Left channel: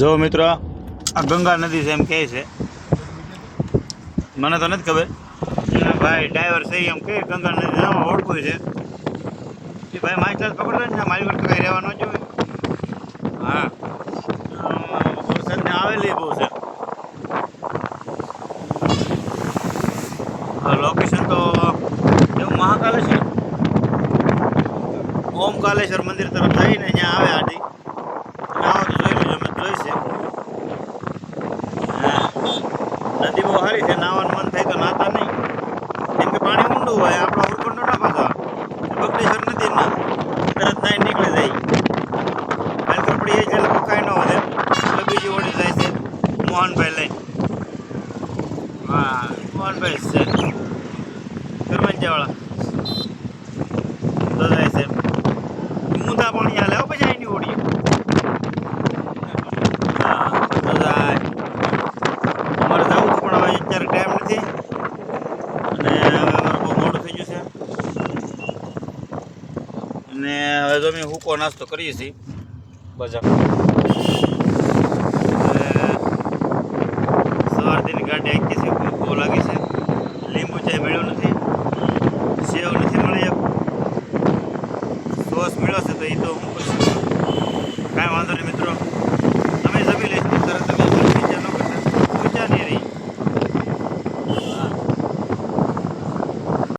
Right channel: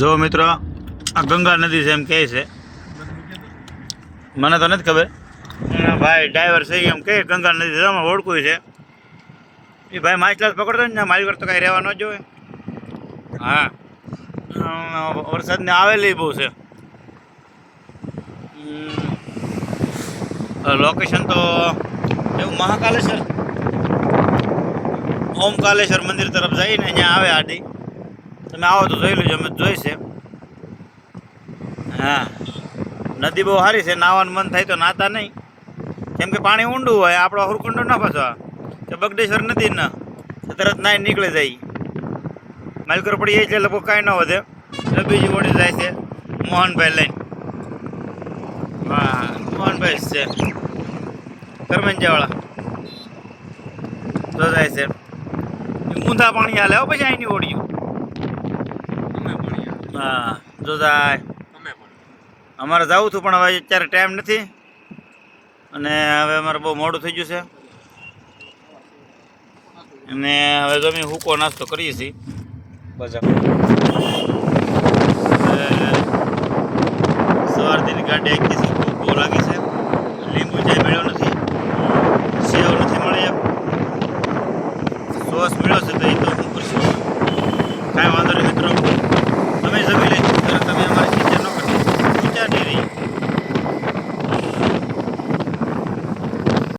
જો મિત્રો આ ગંગા નદી છે એમ કહે છે, મને તો નથી ખબર. ભાઈ ડ્રાઈવર છે એમ કહે ગંગા નદી જવામાં ઓળખું છે એ ભાઈ માછલા પકડતો ને મારી પર તો કઈ રહેવા ન જોઈએ. હા વરસાદને આવેલી બહુ છે. લોકેશન તો એવું મહાકાલેશ્વર ઓમકાલેશ્વર મંદિર તરફ જઈને અહીંયા આવે આડી તમે આવો તો જોઈ લેજો, અમે જોઈશે. હા નદી બહુ સારી છે, નાવાનું મન થાય તો નાતા નહીં કેમ કે પાણી ઊંડું હોય. આપણો હુરકુંડો ના ફસવા બગડેશ્વર નદી ના તરત નાઈ નીકળી જાય. હાલકર પડી એ છે લગભગ કાંઈ ન વધે. બીજી ઓળી જાય છે મોહનભાઈ લઈને. હા મોહનભાઈ છે કરમંજાવાળા તો જાય છે ઊંધા પાણી હાલે પછી અહીંની ઓળીઓ. હા તો જાય અમારે જવું હતું પણ હવે અત્યારે ટાઈમ નથી અને હવે અમારે બહુ મોડું થઈ ગયું છે અને હવે તો અમે હૂકો નાસ્તો કરીએ છીએ બજાર. સવારથી ગાડી આખી છે, બહુ લાગી છે. લીંબુ ચાય મળ્યો નથી, સેવ નથી મળી, સોસ મળ્યો છે તો એ તો હું કરશું.